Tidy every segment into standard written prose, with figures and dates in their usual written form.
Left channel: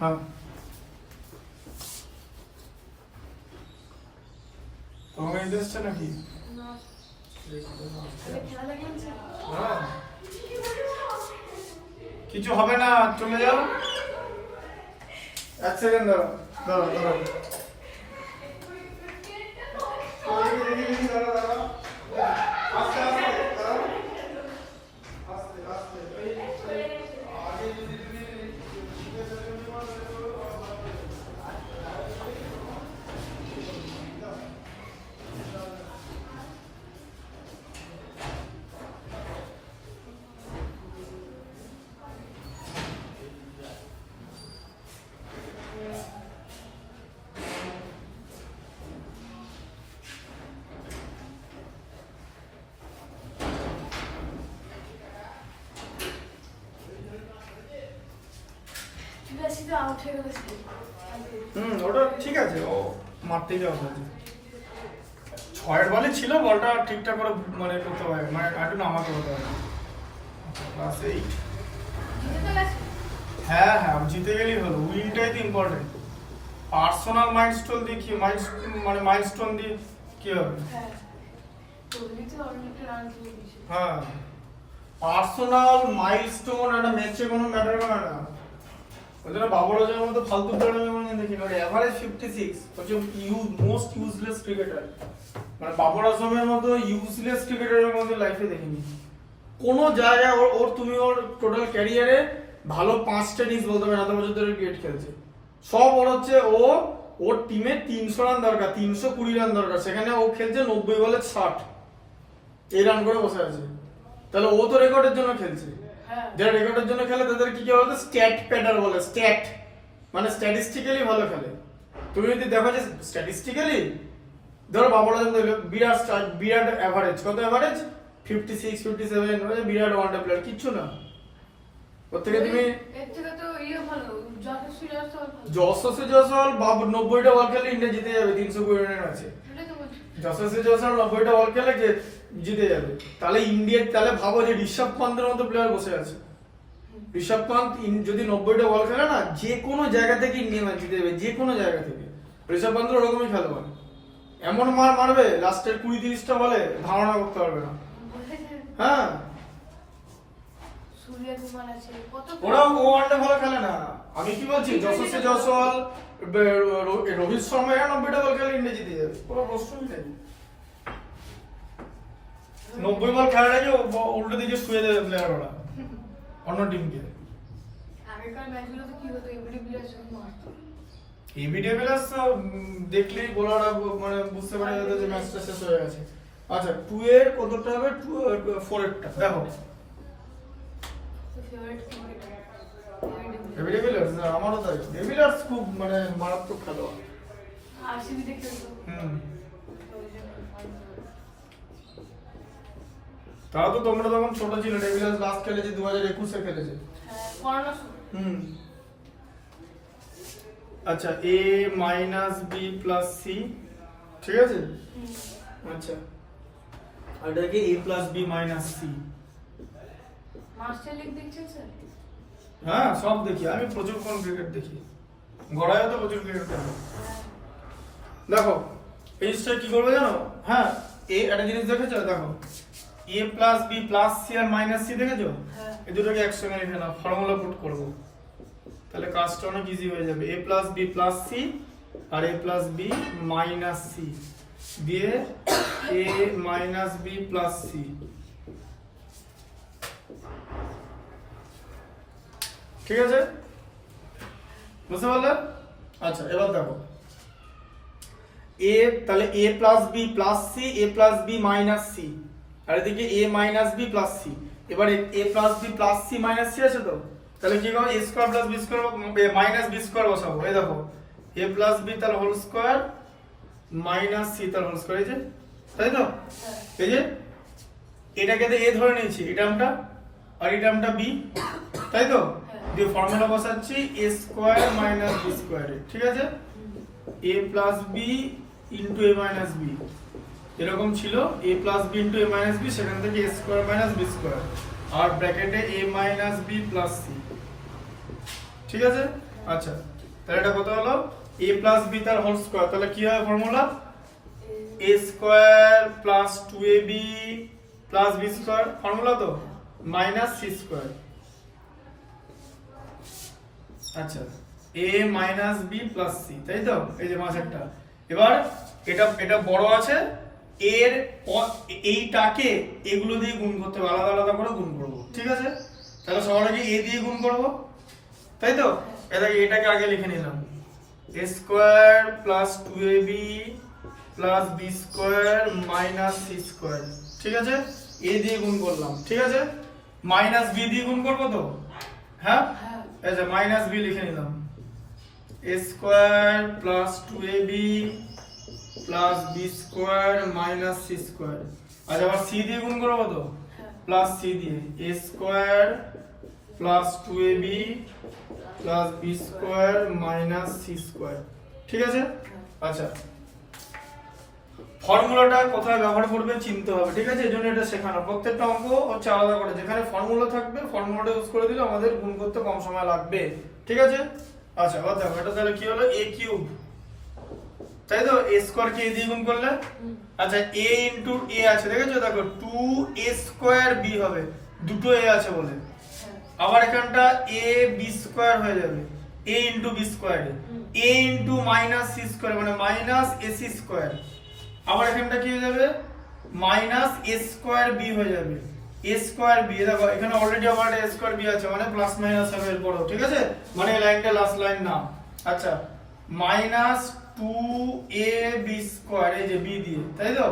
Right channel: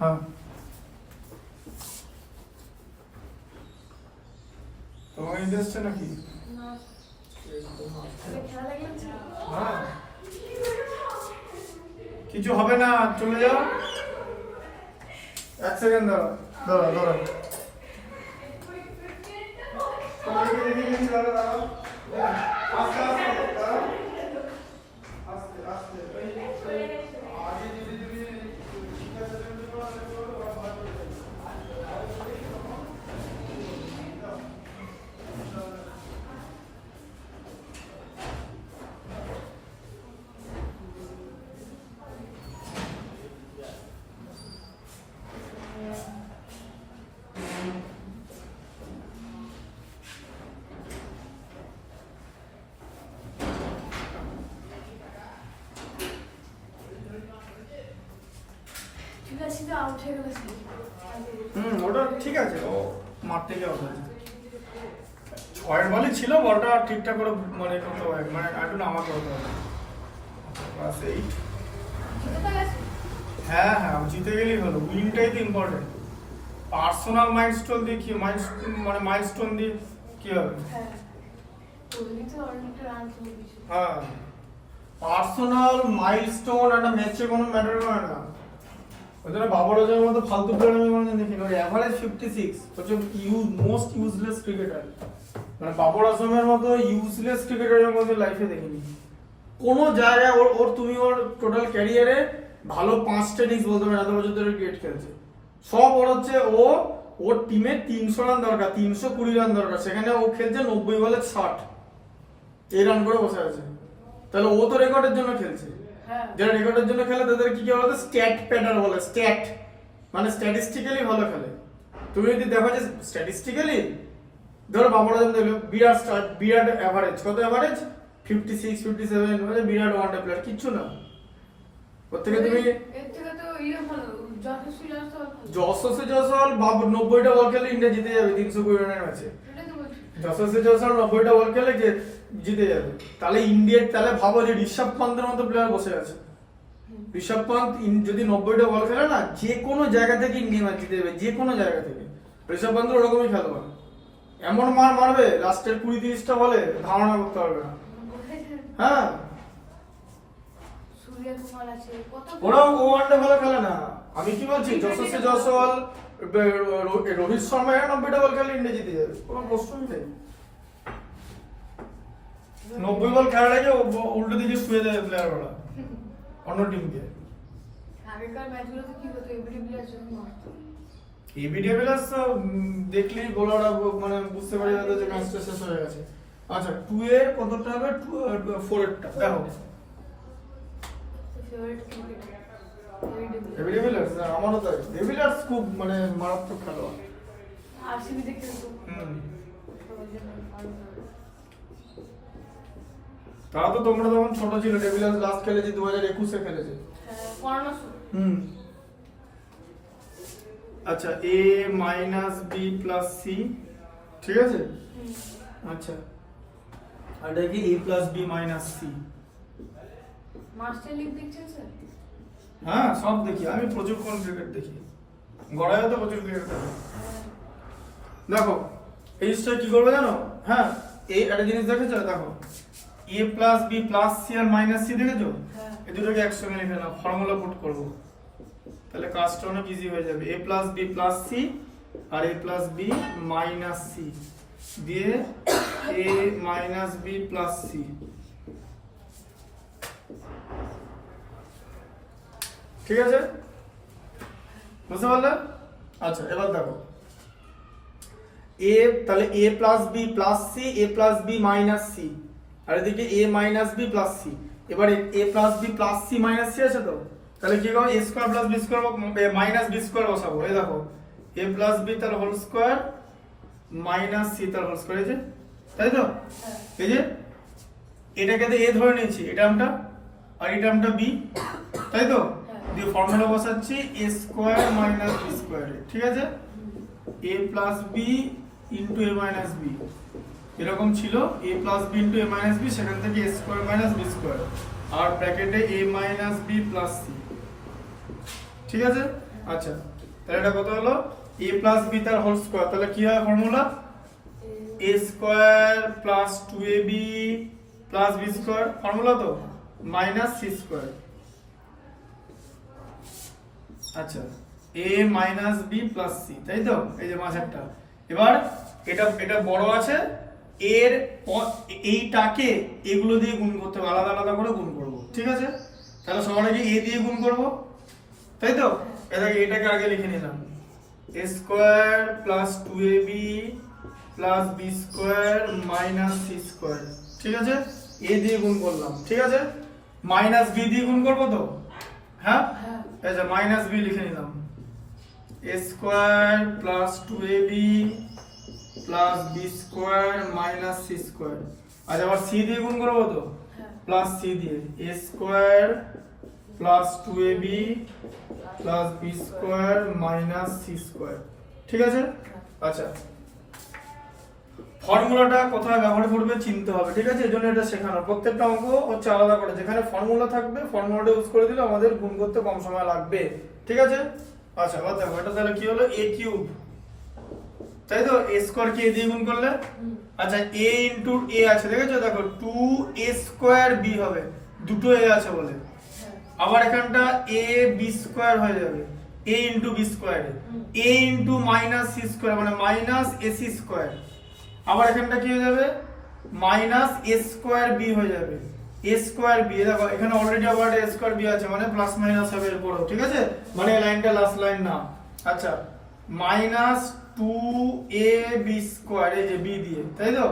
হ্যাঁ তোমাকে ইন্টারেস্ট নাকি কিছু হবে না, চলে যাও। এক সেকেন্ড দাঁড়া দাঁড়া দাঁড়া আস্তে আস্তে আস্তে আস্তে আগে যদি ওটা ঠিক আছে, ও মারতে যাওয়া হয়েছে। ছয়ের বলই ছিল, বলটা ঠিকঠাক করে মানে করতে হবে, মানে একটু নামাতে হতে হবে। ক্লাস 8 হ্যাঁ হ্যাঁ জিতে গেলেই হলো, উইনটাই তো ইম্পর্টেন্ট। পার্সোনাল মাইলস্টোন দিয়ে কি মাইলস্টোন দিয়ে কি হবে? হ্যাঁ পার্সোনাল মাইলস্টোন একটা ম্যাচে কোনো ম্যাটার করে না। ওই জন্য বাবর আজমের মতো ফালতু প্লেয়ার আমি মনে দেখি না। এভারেজ 56 হচ্ছে মোস্ট ইউজলেস ক্রিকেটার, মানে বাবর আজমের মতো ইউজলেস ক্রিকেটারের মধ্যে লাইফে দেখিনি কোনো জায়গায়। ওর তুমি ওর টোটাল ক্যারিয়ারে ভালো 5টা ইনিংস বলতে পারো, এত বছর ধরে ক্রিকেট খেলছে। সব ওর হচ্ছে ওর টিমে 300 রান দরকার, 320 রান দরকার, সেখানে ও খেলছে 90 বলে 60, এই রান করে বসে আছে। তাহলে ও তো রেকর্ডের জন্য খেলছে। যারা রেকর্ডের জন্য খেলে তাদের কি বলে স্ট্যাট প্যাটার বলে, স্ট্যাট মানে স্ট্যাটিস্টিক্যালি ভালো খেলে। তুমি যদি দেখো যে স্ট্যাটিস্টিক্যালি ধরো বাবর আজম দিল বিরাট এভারেজ, কত এভারেজ 56 57, মানে বিরাট ওয়ান ডে প্লেয়ার, কিচ্ছু না। ওর থেকে তুমি যশস্বী জয়সওয়াল 90টা বল খেলে ইন্ডিয়া জিতে যাবে 320 রানের ম্যাচে। যশস্বী জয়সওয়াল 90টা বল খেলে জিতে যাবে। তাহলে ইন্ডিয়ার, তাহলে ভাবো যে ঋষভ পান্তের মতো প্লেয়ার বসে আছে। ঋষভ পান্ত যদি 90টা বল খেলে না, যে কোনো জায়গা থেকে ইন্ডিয়া ম্যাচ জিতে যাবে, যে কোনো জায়গা থেকে। ঋষভ পান্ত ওরকমই খেলোয়াড়, এমন মারবে লাস্টের 20-30টা বলে ধারণা করতে পারবে না। হ্যাঁ ওরাও ওয়ানডে ভালো খেলে না। আমি কি বলছি, যশস্বী জয়সওয়াল রোহিত শর্মা 90টা বল খেলে ইন্ডিয়া জিতে যাবে, কোনো প্রশ্নই নেই। 90 বল খেলার আগে উল্টো দিকে শুয়ে দেবে প্লেয়ার ওরা অন্য টিমকে। এবি ডিভিলিয়ার্স দেখলেই বোলাররা মানে বুঝতে পারে যে ম্যাচটা শেষ হয়ে গেছে। আচ্ছা 2 এর কতটা হবে, 4 এরটা দেখো। এবি ডিভিলিয়ার্স আমারও তাই, ডিভিলিয়ার্স খুব মানে মারাত্মক খেলোয়াড়। আরসিবিতে খেলতো। তাও তো তোমরা তখন ছোট ছিল, ডিভিলিয়ার্স লাস্ট খেলেছে 2021 এ খেলেছে। আচ্ছা a - b + c, ঠিক আছে। আচ্ছা আর দেখি a + b - c। Master league দেখছেন স্যার? হ্যাঁ সব দেখি, আমি প্রচুর কোন ক্রিকেট দেখি, গড়ায় তো প্রচুর ক্রিকেট দেখি। দেখো এই জিনিসটা কি করবে জানো? হ্যাঁ একটা জিনিস দেখেছো, দেখো a + b + c R - c দেখেছো? এই দুটোকে একসঙ্গে লিখে নাও, ফর্মুলা পুট করব, তাহলে কাজটা অনেক ইজি হয়ে যাবে। a + b + c R a + b - c দিয়ে a - b + c, ঠিক আছে, বুঝতে পারলে? আচ্ছা এবার দেখো a, তাহলে a + b + c, a + b - c, আর এদিকে a - b + c। এবারে a + b + c - c আছে তো, তাহলে কি করব, a² + b² -b² বসাবো। এই দেখো a + b তার হোল স্কয়ার - c তার হোল স্কয়ার, এই যে, তাই তো? এই যে এটাকে তো a ধরে নিয়েছি, এই টার্মটা আর এই টার্মটা b, তাই তো? দিয়ে ফর্মুলা বসাচ্ছি a² - b², ঠিক আছে। a + b * a - b এরকম ছিল, a + b * a - b, সেখান থেকে a² - b² আর ব্র্যাকেটে a - b + c, ঠিক আছে। আচ্ছা তাহলে এটা কত হলো a প্লাস b তার হোল স্কয়ার, তাহলে কি হয় formula a square plus 2ab plus b square, formula তো মাইনাস c স্কয়ার। আচ্ছা a minus b plus c, তাই তো, এই যে মাঝেরটা। এবার এটা বড় আছে, এর এইটাকে এগুলো দিয়ে গুণ করতে হবে, আলাদা আলাদা করে গুণ করব, ঠিক আছে। তাহলে সবার আগে a দিয়ে গুণ করব, তাই তো। এটাকে আগে লিখে নিলাম a square plus 2ab plus b square minus c square, ঠিক আছে। a দিয়ে গুণ করলাম, ঠিক আছে। মাইনাস b দিয়ে গুণ করব তো, হ্যাঁ, এই যে মাইনাস b লিখে নিলাম a square plus 2ab plus b square minus c square. আচ্ছা আবার c দিয়ে গুণ করব তো, প্লাস c দিয়ে a square plus 2ab plus b square minus c square, ঠিক আছে। আচ্ছা ফর্মুলাটা কোথায় ব্যবহার করবে চিনতে হবে, ঠিক আছে। এজন্য এটা শেখানো, প্রত্যেকটা অঙ্ক হচ্ছে আলাদা করে, যেখানে ফর্মুলা থাকবে ফর্মুলাটা ইউজ করে দিলে আমাদের গুণ করতে কম সময় লাগবে, ঠিক আছে। আচ্ছা এবার দেখো এটা তাহলে কি হলো a কিউব, তাই তো। a স্কয়ার কে a দিয়ে গুণ করলে, আচ্ছা a ইনটু a আছে, দেখেছো, দেখো 2a স্কয়ার b হবে, দুটো a আছে বলে। আবার এখানটা a b স্কয়ার হয়ে যাবে, a into b square, a into minus c square মানে মাইনাস ac স্কয়ার। আবার এখানটা কি হয়ে যাবে, মাইনাস a স্কয়ার b হয়ে যাবে, a স্কয়ার b। দেখো এখানে অলরেডি আবার a স্কয়ার b আছে, মানে প্লাস মাইনাস হবে এরপরও, ঠিক আছে, মানে এই লাইনটা লাস্ট লাইন না। আচ্ছা মাইনাস 2ab স্কয়ার, এই যে b দিয়ে, তাই তো,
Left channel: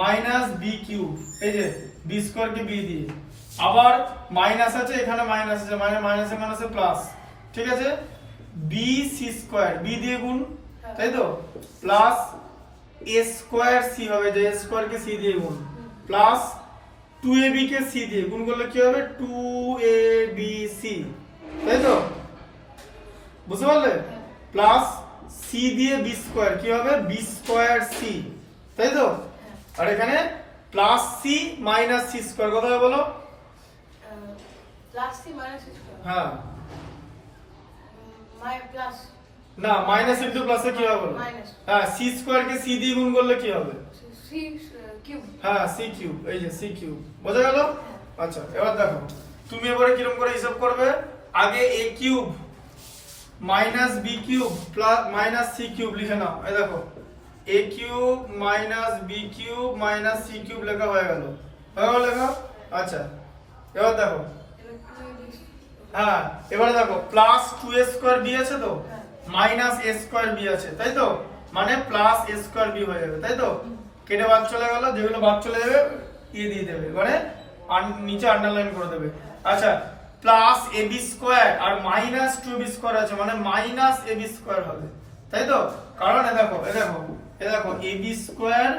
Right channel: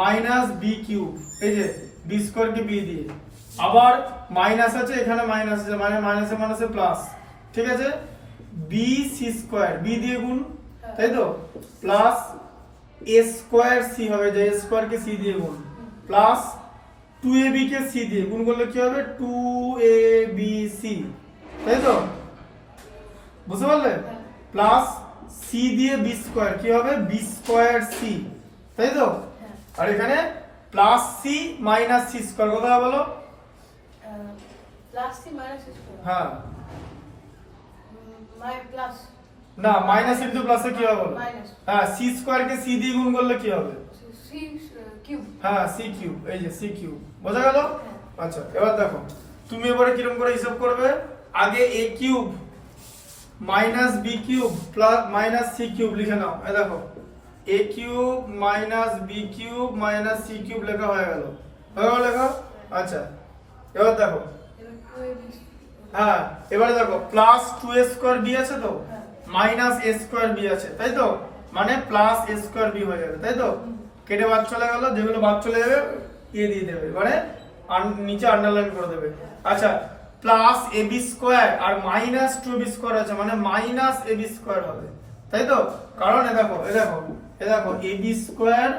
মাইনাস b কিউব, এই যে b স্কয়ার কে b দিয়ে, আবার মাইনাস আছে এখানে, মাইনাস আছে মানে মাইনাসে মাইনাসে প্লাস, ঠিক আছে। b c স্কয়ার b দিয়ে গুণ, তাই তো, প্লাস a স্কয়ার c হবে, যে a স্কয়ার কে c দিয়ে গুণ, প্লাস 2ab কে c দিয়ে গুণ করলে কি হবে 2abc, তাই তো, বুঝতে পারলে। প্লাস c দিয়ে b স্কয়ার কি হবে b স্কয়ার c, তাই তো। আর এখানে plus c minus c square, কত হবে বলো, plus c minus c square, হ্যাঁ প্লাস না মাইনাস ইনটু প্লাসে কি হবে বলো, হ্যাঁ c স্কয়ার কে c দিয়ে গুণ করলে কি হবে c কিউব, হ্যাঁ c কিউব, এই যে c কিউব, বোঝা গেল। আচ্ছা এবার দেখো তুমি এবারে কিরকম করে হিসাব করবে, আগে a cube minus b cube plus minus c cube লিখে নাও। এই দেখো a cube minus b cube minus c cube লেখা হয়ে গেল, লেখো। আচ্ছা এবার দেখো, হ্যাঁ এবারে দেখো প্লাস 2a স্কয়ার b আছে তো, মাইনাস a স্কয়ার b আছে, তাই তো, মানে প্লাস a স্কয়ার b হয়ে যাবে, তাই তো। কেটে বাদ চলে গেল, যেগুলো বাদ চলে যাবে এ দিয়ে দেবে, মানে নিচে আন্ডারলাইন করে দেবে। আচ্ছা প্লাস ab স্কয়ার আর মাইনাস 2ab স্কয়ার আছে, মানে মাইনাস ab স্কয়ার হবে, তাই তো। কারণ এ দেখো ab square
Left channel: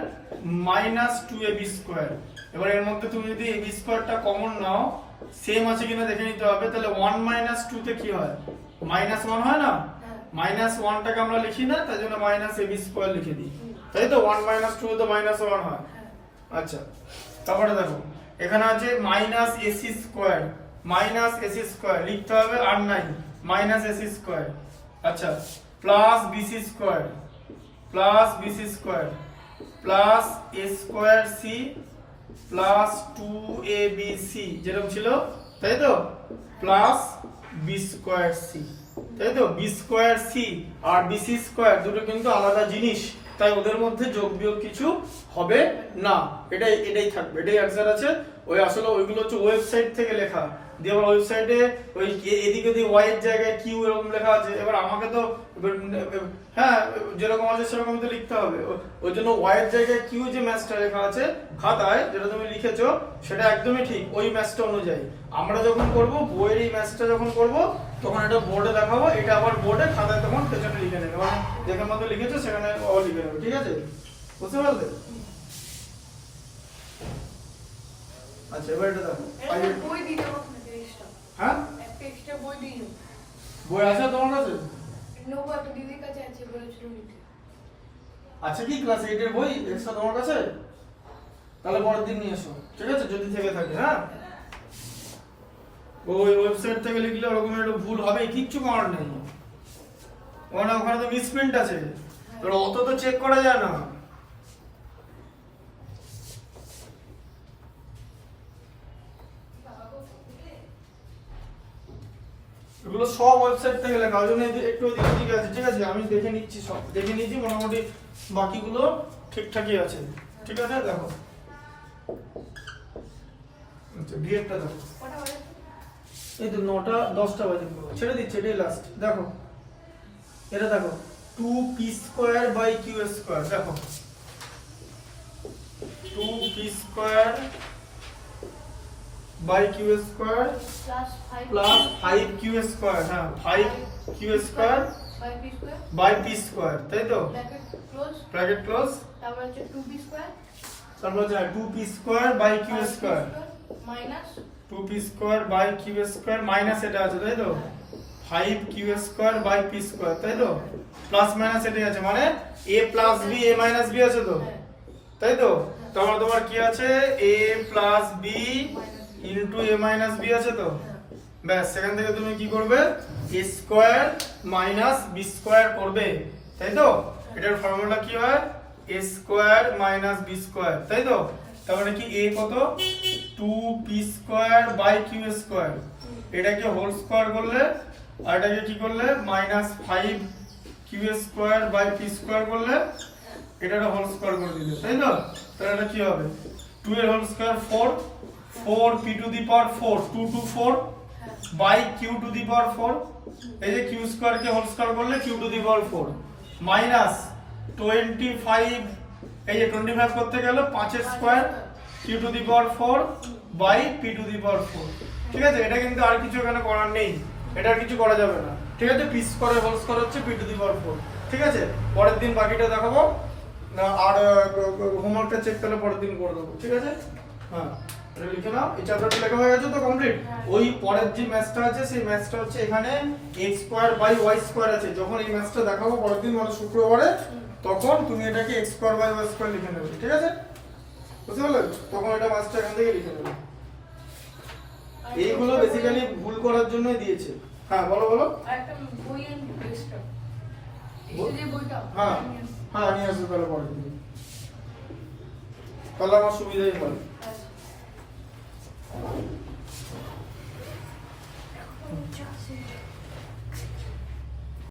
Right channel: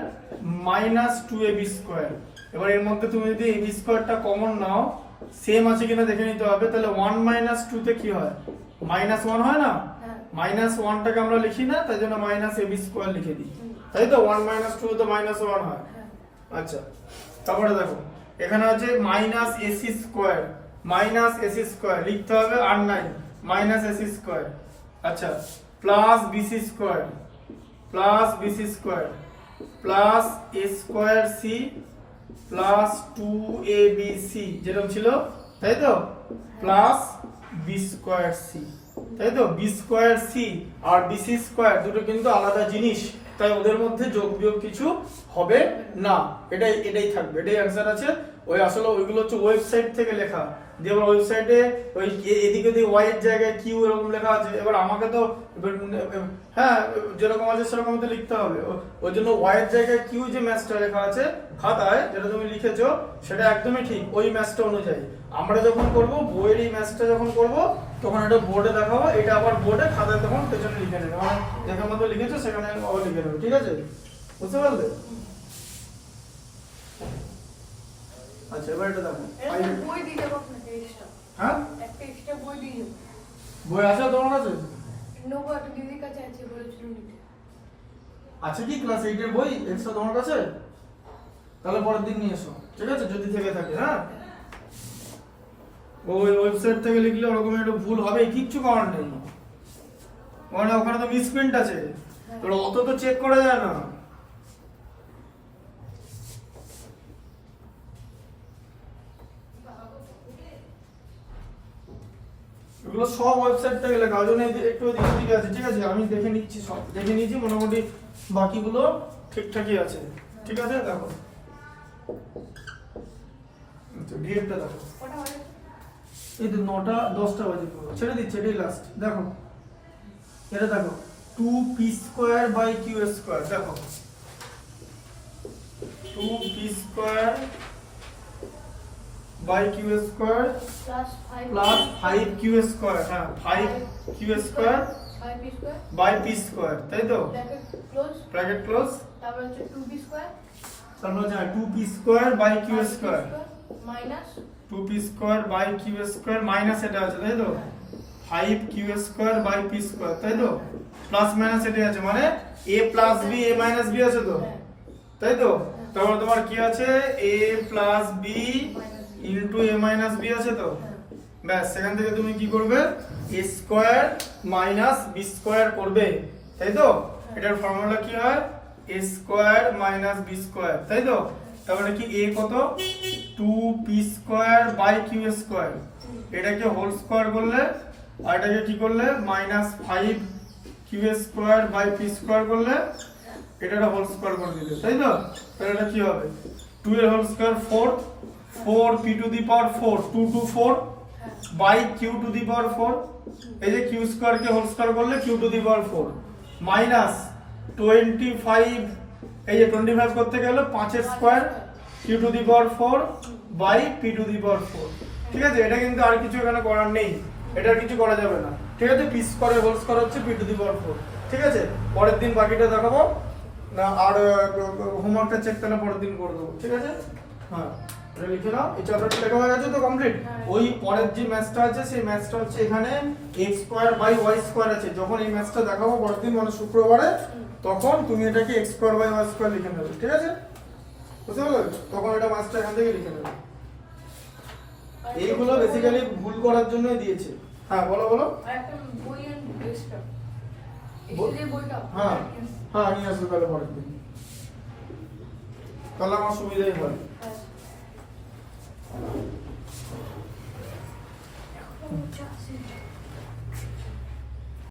minus 2ab square. এবার এর মধ্যে তুমি যদি ab স্কয়ারটা কমন নাও, সেম আছে কিনা দেখে নিতে হবে। তাহলে 1 মাইনাস 2 তে কি হয়, মাইনাস 1 হয় না, মাইনাস 1 টাকে আমরা লিখি না, তাই জন্য মাইনাস ab স্কয়ার লিখে দিই, তাই তো। 1 মাইনাস 2 তো মাইনাস 1 হয়। আচ্ছা তারপরে দেখো এখানে আছে minus ac square, minus ac square লিখতে হবে, আর নাই মাইনাস ac স্কয়ার। আচ্ছা plus bc square, plus bc square, plus a square c plus 2abc যেরকম ছিল, তাই তো, প্লাস b স্কয়ার c, তাই তো। b স্কয়ার c আর bc স্কয়ার দুটো কিন্তু আলাদা জিনিস, তাই ওদের মধ্যে যোগ বিয়োগ কিছু হবে না, এটাই থাকবে, এটাই অ্যানসার আছে। ওই আসলে ওইগুলো হচ্ছে ওয়েবসাইট থেকে লেখা, দিয়ে আবার ওয়েবসাইটে ওই এদিকে ওদিকে ওয়াই এর জায়গায় কিউ এরকম লেখা আছে। এবার আমাকে তো হ্যাঁ যেরকম আছে সেরকম তো লিখতে হবে, ওই জন্য ওয়াই এর জায়গায় কিউ যে ম্যাথটা লেখা আছে খাতায়, যেটা তুমি লিখেছো সেটা একদমই ঠিক, ওই ম্যাথটা অনুযায়ী। আমরা যখন করব বইয়ের এই ম্যাথটা যখন করব তখন এটা বোর্ডে দেখাবো, এটা আবার বোর্ডে খাতায় তখন পেছনে লিখে নেবে, মানে যেখানে মতো লিখেছো সেখানে আবার লিখে দেবে, ঠিক আছে, বুঝতে পারলে। আচ্ছা এবার এটা দেখো, বই দিয়ে দেবো পেজটা, হ্যাঁ একটা এক্সট্রা বই দিয়ে দেবো। বই আছে তোমার কাছে? নেবো, একটা দিদির কাছে আছে, বলেছিল নিতে। আছে কি ক্লাস 8 এর বই এক্সট্রা তোমার কাছে? তাহলে পরের দিন নিয়ে এসো, ঠিক আছে, যদি থেকে থাকে। হ্যাঁ ওই ওয়েবসাইট থেকে লিখলে ওরকম একটু ভুল হবে, কিচ্ছু করার নেই। মানে ওখানে তো মিসপ্রিন্ট আছে, তো অত তো চেক করা যায় না। এগুলো সব ওয়েবসাইট থেকে লেখা, ওই জন্য একটু এদিক ওদিক আছে, ঠিক আছে? আমি দেখে নিচ্ছি, সব দেখে নিয়েছি, মোটামুটি বাকিগুলো ঠিকঠাকই আছে, ঠিক আছে? দেখো আচ্ছা ডিএডটা দেখো, কটা বাজে? এই তো 9টা 10টা বাজে, ছেড়ে দিচ্ছে, এটাই লাস্ট। দেখো এটা দেখো 2p² বাই q², দেখো 2p² by q² plus 5 plus 5q², হ্যাঁ 5q² by P square by p², তাই তো? ব্র্যাকেট ক্লোজ, ব্র্যাকেট ক্লোজ, তারপর হচ্ছে 2b স্কয়ার তারপর হচ্ছে 2p² by q² minus 2p² by q² minus এটা আছে, তাই তো? 5q² বাই p², তাই তো? প্লাস মাইনাস এটাই আছে, মানে a plus b a minus b আছে তো, তাই তো? তারপর তোমার কি আছে, a plus b into a minus b আছে তো? ব্যাস, সেখান থেকে তুমি কি করবে, a square minus b square করবে, তাই তো? এটার ফর্মুলা কি হয়, a square minus b square, তাই তো? তারপরে কি a কত, 2p² বাই q², এটাকে হোল স্কয়ার করলে আর এটাকে কি করলে মাইনাস 5q² বাই p² করলে এটাকে হোল স্কয়ার করে দিলে, তাই তো? তাহলে এটা কি হবে, 2 এর whole square 4, 4p to the power 4, 2 to 4 by q to the power 4, এই যে q² কে হোল স্কয়ার করলে q to the power 4 minus 25, এই যে 25 করতে গেলে 5 এর square q to the power 4 by p to the power 4, ঠিক আছে? এটা কিন্তু আর কিছু এখানে করার নেই, এটা কিছু করা যাবে না, ঠিক আছে? p² হোল স্কয়ার হচ্ছে p টু দি পাওয়ার 4, ঠিক আছে? পরের দিন বাকিটা দেখাবো না, আর হোমওয়ার্কটা চেক তাহলে পরের দিন করে দেবো, ঠিক আছে? হ্যাঁ এটা লিখে নাও, এই চ্যাপ্টারটা লেখা হয়ে গেছে তো কমপ্লিট। ওই পরের যে ম্যাথটা আছে সেই ম্যাথটা হচ্ছে এখানে x² বাই y² আছে, যখন এই ম্যাথটা দেখাবো পরের দিন মানে শুক্রবারে, তখন তুমি এটাকে x² বাই y² লিখে নেবে, ঠিক আছে? বুঝতে পারলে? তখন এটা ম্যাথটা এখান থেকে লিখে নেবে। এইগুলো বেসিক্যালি ভুল করার জন্য দিয়েছে। হ্যাঁ বলো বলো। একটা বই এক্সট্রা এই যে বইটা হ্যাঁ হ্যাঁ নিয়ে আসবে তাহলে পরের দিন, তাহলে আমার সুবিধাই হয়। আচ্ছা